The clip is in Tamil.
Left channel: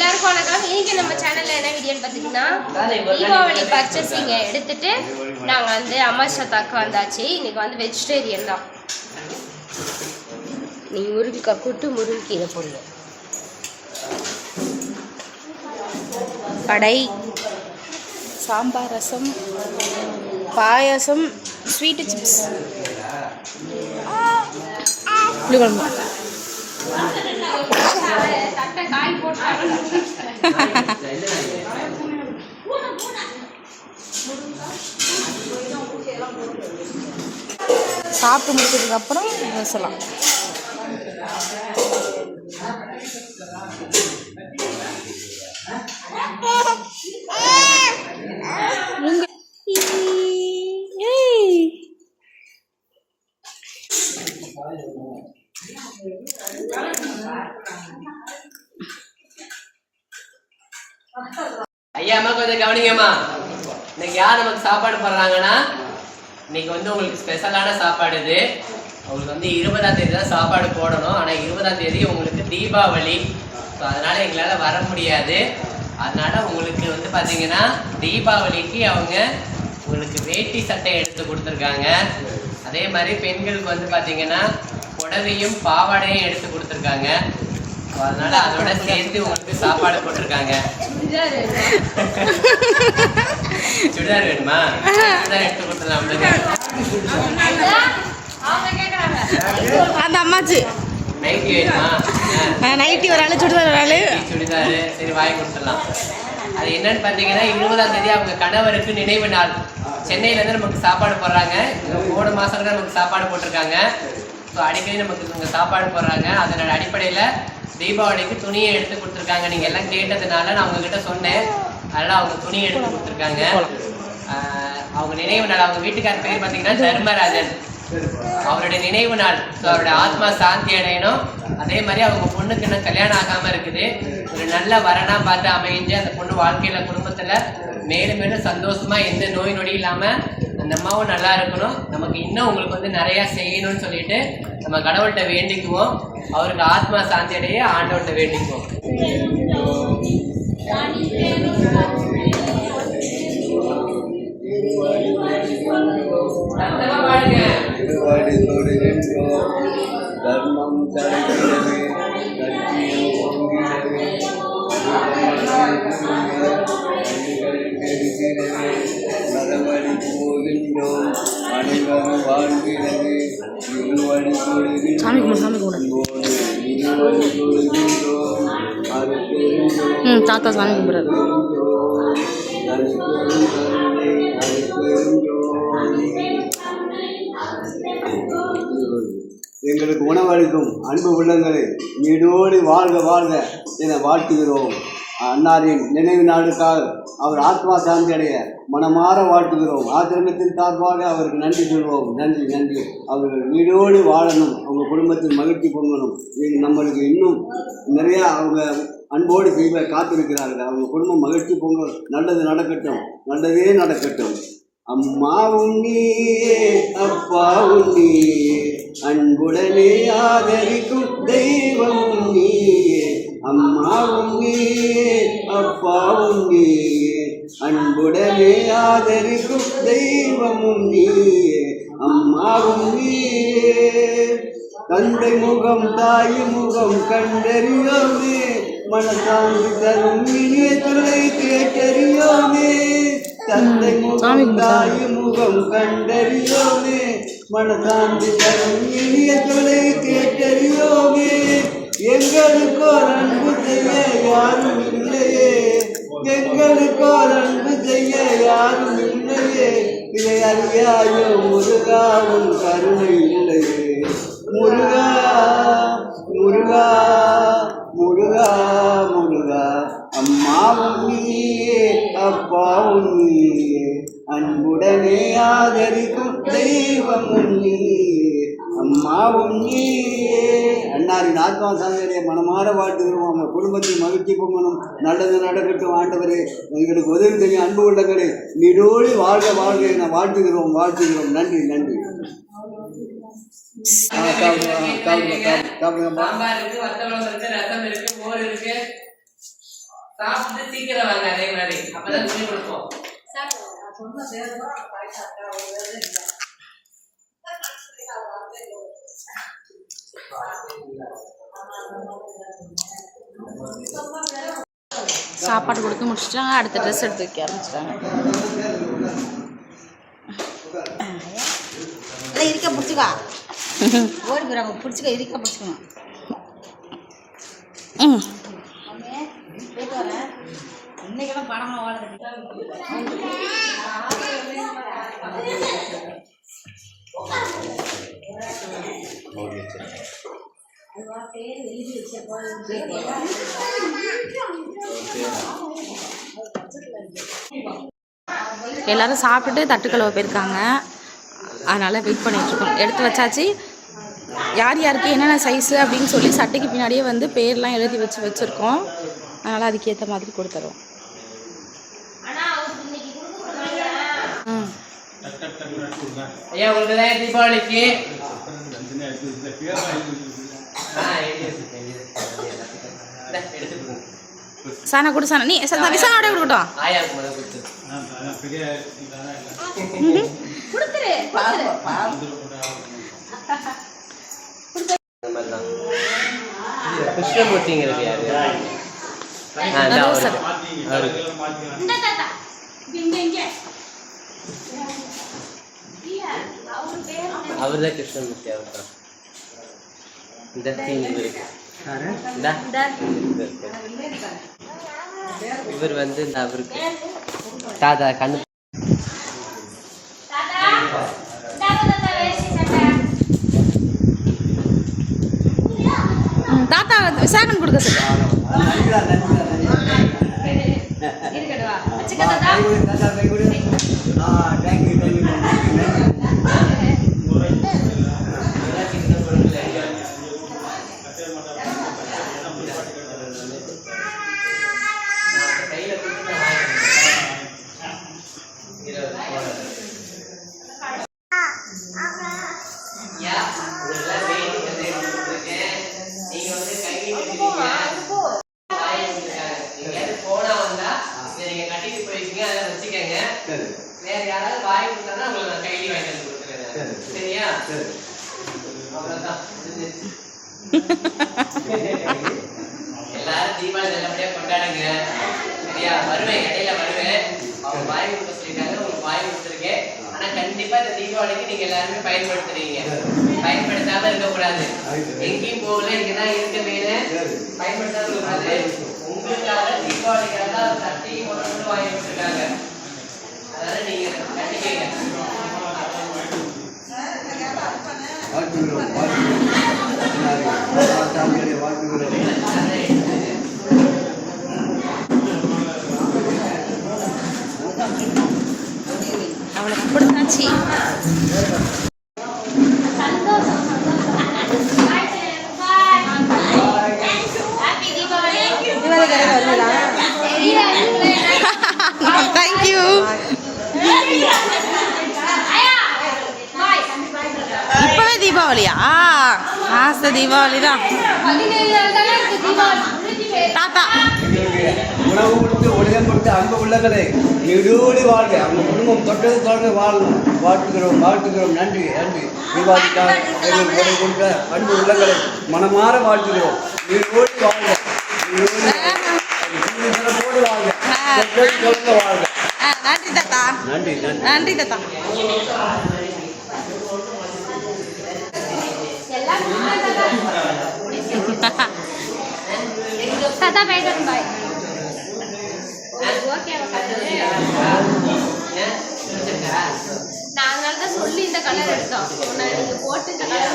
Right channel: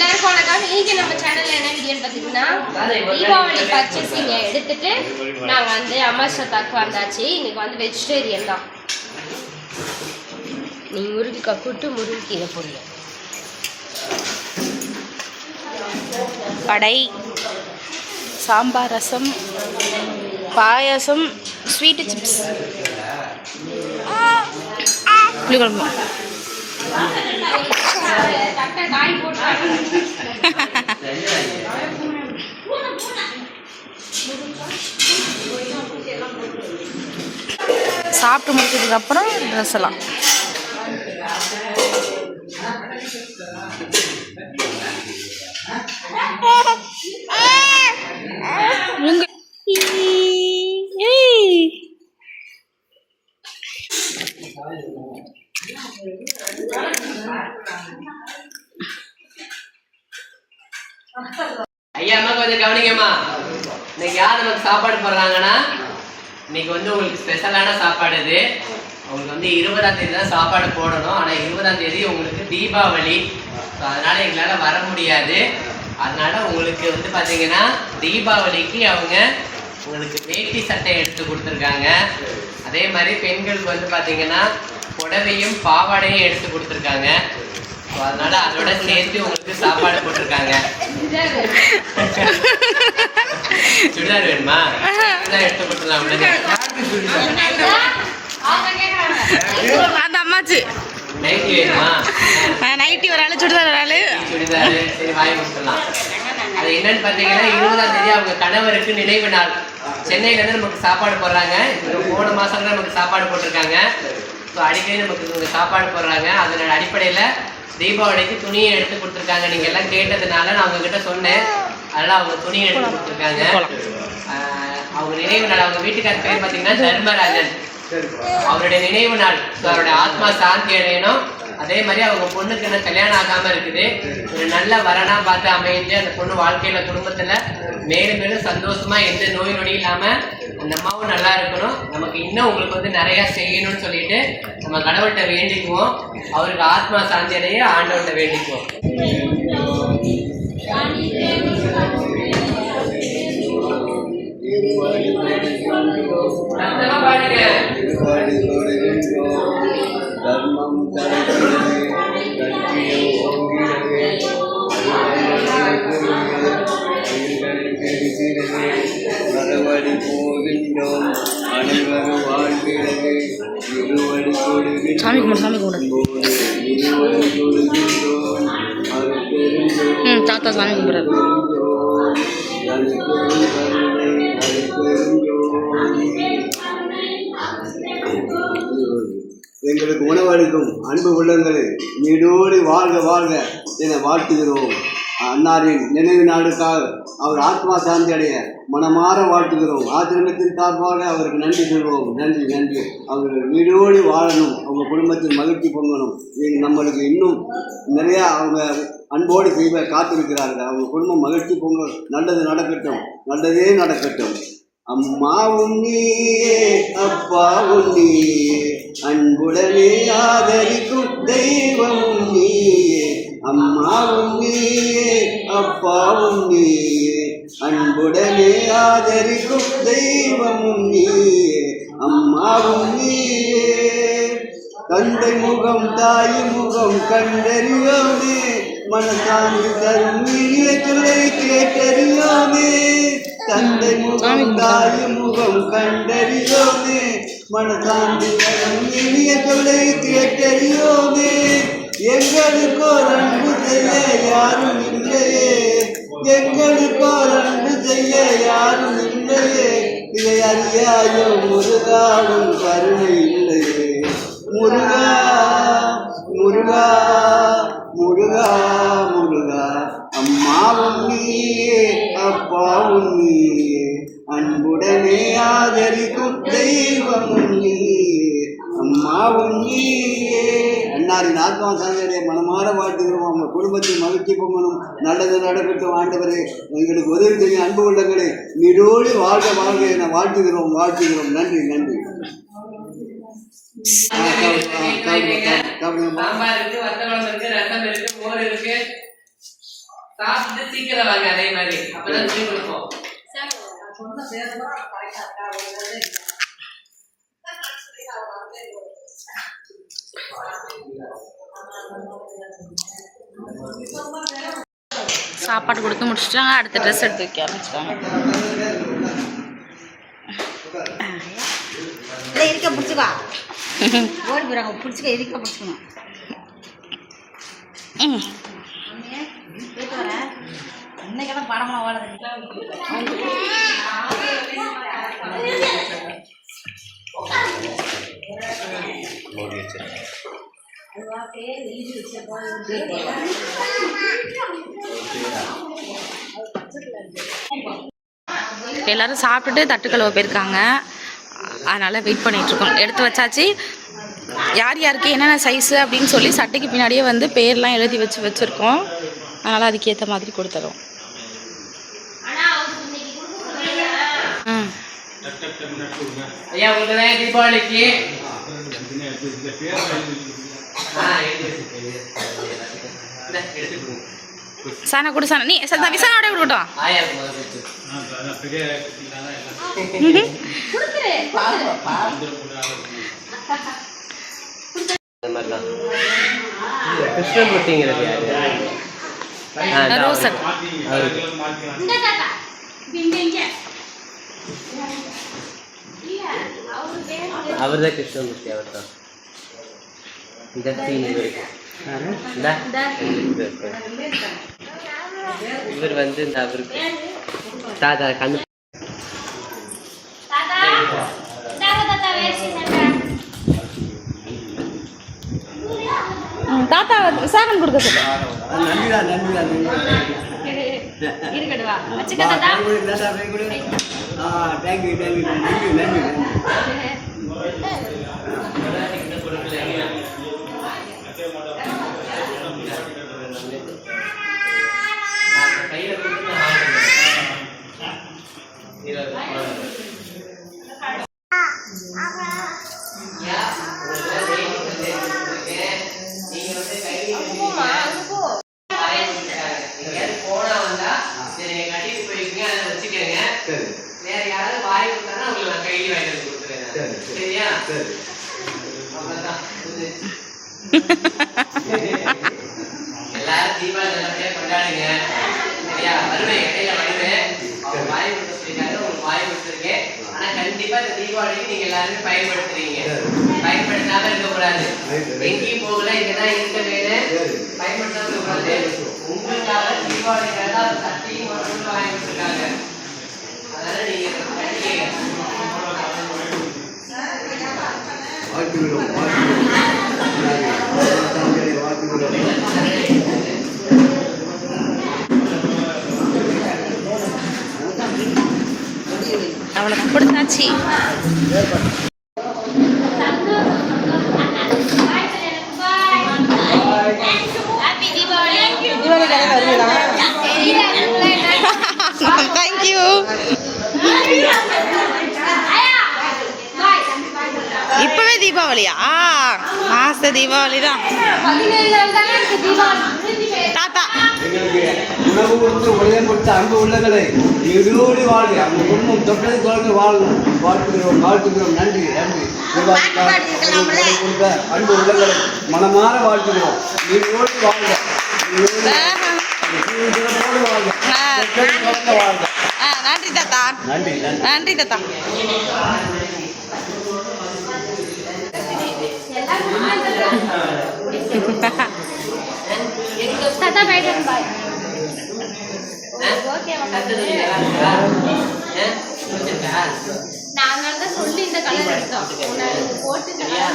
எல்லாருக்கும் வணக்கம் இன்னைக்கு நம்ம சேனல்ல என்ன வீடியோன்னு பார்த்தீங்கன்னா தீபாவளி பர்ச்சேசிங்க எடுத்துட்டு நாங்க வந்து அமாஷத்தாக்கு வந்தாச்சு. இன்னைக்கு வந்து வெஜிடேரியன் தான். நீ முருங்கைக்காய் கூட்டு முருங்கைக்கீரை போடுங்க வடை சாம்பார் ரசம் பாயாசம் ஸ்வீட்டு சிப்ஸ் புளிக்குழம்பு. சாப்பிட்டு முடிச்சதுக்கு அப்புறம் ட்ரெஸ் எல்லாம். இங்க- ஐயா அம்மா கொஞ்சம் கவனிங்கம்மா. இன்னைக்கு யார் நமக்கு சாப்பாடு போடுறாங்கன்னா இன்னைக்கு வந்து உங்களுக்கு ஸ்பெஷலான சாப்பாடு இது. உங்களுக்கு வந்து இருபதாம் தேதி தான் சாப்பாடு போடணும். ஆனால் இருபதாம் தேதி உங்களுக்கு தீபாவளி. ஸோ அதனால் எங்களால் வர முடியாது. அதனால் உங்களுக்கு வந்து பார்த்தீங்கன்னா தீபாவளிக்கு அவங்க உங்களுக்கு வேட்டி சட்டை எடுத்து கொடுத்துருக்காங்க. அதே மாதிரி பெண்களுக்கு வந்து பார்த்தீங்கன்னா புடவையும் பாவாடையும் எடுத்து கொடுத்துருக்காங்க. அதனால அதோட சேர்த்து உங்களுக்கு சாப்பாடு போட்டிருக்காங்க. சுடிதார் வேணுமா? சுடிதார் எடுத்து கொடுத்துடலாம் அந்த அம்மாச்சி. நைட்டி வேணுமா? நைட்டி ஒரு ஆள் சுடிதார் ஒரு ஆள் சுடிதார் சரி வாங்கி கொடுத்துடலாம். அது என்னன்னு பார்த்தீங்கன்னா இருபதாம் தேதி அவங்க கணவருக்கு நினைவு நாள். சென்னையில இருந்து நமக்கு சாப்பாடு போடுறாங்க. போன மாசம் நமக்கு சாப்பாடு போட்டிருக்காங்க. ஸோ அடிக்கடி நமக்கு இவங்க சாப்பாடு போடுறாங்க. அதனோட அடிப்படையில் தீபாவளிக்கு துணியை எடுத்து கொடுத்துருக்காங்க. நீங்க எல்லாம் கேட்டதுனால நான் அவங்க கிட்ட சொன்னேன். அதனால அவங்க துணியை எடுத்து கொடுத்துருக்காங்க. ஆஹ் அவங்க நினைவு நாள். அவங்க வீட்டுக்கார பேர் பார்த்தீங்கன்னா தர்மராஜன். அவருடைய நினைவு நாள் அவருடைய ஆத்மா சாந்தி அடையணும். அதே மாதிரி அவங்க பொண்ணுக்கு இன்னும் கல்யாணம் ஆகாம இருக்குது. ஒரு நல்ல வரனா பார்த்து அமைஞ்சு அந்த பொண்ணு வாழ்க்கையில குடும்பத்துல மேலும் மேலும் சந்தோஷமா எந்த நோய் நொடி இல்லாம அந்த அம்மாவும் நல்லா இருக்கணும். நமக்கு இன்னும் உங்களுக்கு வந்து நிறைய செய்யணும்னு சொல்லிட்டு நம்ம கடவுள்கிட்ட வேண்டிக்குவோம். அவருக்கு ஆத்மா சாந்தி அடைய ஆண்டவர்கிட்ட வேண்டிக்குவோம். தர்மம் தலைக்கிறது லட்சியம் போகிறது மறுபடி போகின்றோம் அனைவரும் வாழ்கிறது இருவடி கொடுகின்றோம் சாமி கும்பிடு சாமி கும்பிடு இருவடி கொடுகின்றோம் அது பெருந்தோம் ம் தாத்தா சாமி கும்பிட்றாரு அது பெருந்தோம் எங்களுக்கு அன்பு உள்ளங்கள் நீடோடி வாழ்க வாழ்க என வாழ்த்துகிறோம். அன்னாரின் நினைவு நாளுக்காக அவர் ஆத்மா சாந்தி அடைய மனமாற வாழ்த்துகிறோம். ஆசிரமத்தின் சார்பாக அவருக்கு நன்றி சொல்வோம் நன்றி நன்றி. அவர்கள் வீடோடி வாழணும். அவங்க குடும்பத்தில் மகிழ்ச்சி பொங்கணும். நம்மளுக்கு இன்னும் நிறையா அவங்க அன்போடு செய்வ காத்திருக்கிறார்கள். அவங்க குடும்பம் மகிழ்ச்சி பொங்கல் நல்லது நடக்கட்டும். நல்லதே நடக்கட்டும். அம்மாவும் நீயே அப்பாவும் நீயே. அன்புடனே ஆதரிக்கும் தெய்வமும் நீயே அம்மாவும் நீயே அப்பாவும் நீயே. அன்புடனே ஆதரிக்கும் தெய்வமும் நீயே அம்மாவும் நீயே. தந்தை முகம் தாய் முகம் கண்டறியோமே மனசாந்தி தரும் இனியத்திலே கேட்டறியோமே. தந்தை முகம் தாய் முகம் கண்டறியோமே மனசாந்தி தரும் இனியத்திலே கேட்டறியோமே? எங்களுக்கோ அன்பு செய்ய யாரும் இல்லையே. எங்களுக்கோ அன்பு செய்ய யாரும் இல்லையே. இதை அறியாயோ முருகாவும் கருணை இல்லையே. மனமாற வாழ்த்துகிறோம். அவங்க குடும்பத்தில் மகிழ்ச்சி பொங்கணும். நல்லது நடக்கட்டும் ஆண்டவரே. எங்களுக்கு உதவி செய்ய அன்பு உள்ளங்களே நீடோடி வாழ்க வாழ்க என வாழ்த்துகிறோம் வாழ்த்துகிறோம். நன்றி நன்றி. சாம்பார் இருக்கு வத்த குழம்பு இருக்கு ரசம் இருக்கு மோர் இருக்கு. சாப்பிட்டு சீக்கிரம் வாங்க அதே மாதிரி. அப்பதான் சொல்லி கொடுப்போம். சாப்பாடு கொடுத்து முடிச்சிட்டாங்க அடுத்த ட்ரெஸ் எடுத்து வைக்க ஆரம்பிச்சிட்டாங்க. இல்லை இருக்க பிடிச்சிக்கா ஓடி போயிடாங்க பிடிச்சிக்க இருக்க பிடிச்சிக்கணும் இன்னைக்கெல்லாம் படமாக எல்லாரும் சாப்பிட்டுட்டு தட்டு கழுவ போயிருக்காங்க அதனால் வெயிட் பண்ணிட்டு இருக்கோம் எடுத்து வச்சாச்சு யார் யாருக்கு என்னென்ன சைஸு அப்படின்னு சொல்லி சட்டைக்கு பின்னாடியே வந்து பேர்லாம் எழுதி வச்சு வச்சுருக்கோம் அதனால் அதுக்கேற்ற மாதிரி கொடுத்துறோம் ஐயா உங்களுக்கு தான் தீபாவளிக்கு. இந்தா, சாணா கொடு சாணா நீ ச- விசானோட தான். இது கிருஷ்ணமூர்த்திங்கிறது ரோசன். அவரு அவர்தான் கிருஷ்ணமூர்த்தி அவர் தான் இந்த இவரு. வந்து இந்த அவருக்கு தாத்தா கண்ணு. தாத்தா. விசாகன் கொடுக்க சொல்லு நன்றிடா நன்றிடா நன்றிடா இருக்கடுவா வச்சுக்க தாத்தா கை கொடு தாத்தா கை கொடு ஆ தேங்க்யூ தேங்க்யூ நன்றி நன்றி கையில கொடுத்து நான் வாங்கிக்கிறேன். இருபது போடுறது. ஐயா, உங்களுக்கெல்லாம் வேட்டி வந்து எடுத்து கொடுத்துருக்கேன். நீங்க வந்து கையில போமா அங்க போ வாங்கி கொடுத்துருக்காங்க. எங்கேயாவது போனா வந்தா இதை நீங்க கட்டிட்டு போய்க்கீங்க அதை வச்சுக்கோங்க சரி வேற யாராவது வாங்கி கொடுத்தாங்கன்னா உங்களுக்கு நான் கையில வாங்கிட்டு வந்து கொடுத்துறேன் சரி. சரியா சரி அவ்வளவுதான் எல்லாரும் தீபாவளி நல்லபடியா கொண்டாடுங்க சரியா வருவேன் இடையில வருவேன் அவங்க வாங்கி கொடுக்க சொல்லியிருக்காங்க உங்களுக்கு கொடுத்துருக்கேன் ஆனா கண்டிப்பா இந்த தீபாவளிக்கு நீங்க எல்லாருமே பயன்படுத்துறீங்க பயன்படுத்தாம இருக்கக்கூடாது எங்கேயும் போகல இங்கதான் இருக்க வேணும் பயன்படுத்தாத பயன்படுத்தாம இருக்கக்கூடாது உங்களுக்காக தீபாவளிக்காக ஒரு சட்டையும் ஒரு வாங்கி கொடுத்துருக்காங்க அதனால நீங்க கட்டிக்கங்க வாழ்த்துகிறோம் வாழ்த்துகிறோம் சாமிகளை வாழ்த்துகிறோம் அவ்வளோதான் கொடுத்தாச்சு சந்தோஷம் சந்தோஷம் பாய் பாய் ஹாப்பி தீபாவளி தெரியல அதுக்குள்ள என்ன தேங்க்யூ இப்போவே தீபாவளியா? மாச தீபாவளி? தான். தாத்தா கொடுத்த அன்பு உள்ளங்களே நீடோடி வாழ்க. அந்த குடும்பம் தொட்டது தொடர்ந்து வாழும் வாழ்த்துகிறோம் வாழ்த்துகிறோம். நன்றி நன்றி. கொடுத்த அன்பு உள்ளங்களை மனமாற வாழ்த்துகிறோம். நீடோடி வாழ்க. நன்றி தாத்தா. நன்றி நன்றி. நன்றி தாத்தா. தாத்தா பாய் நாங்கள் தான் சொல்லி இந்த கலர் எடுத்தோம். போட்டு கலர்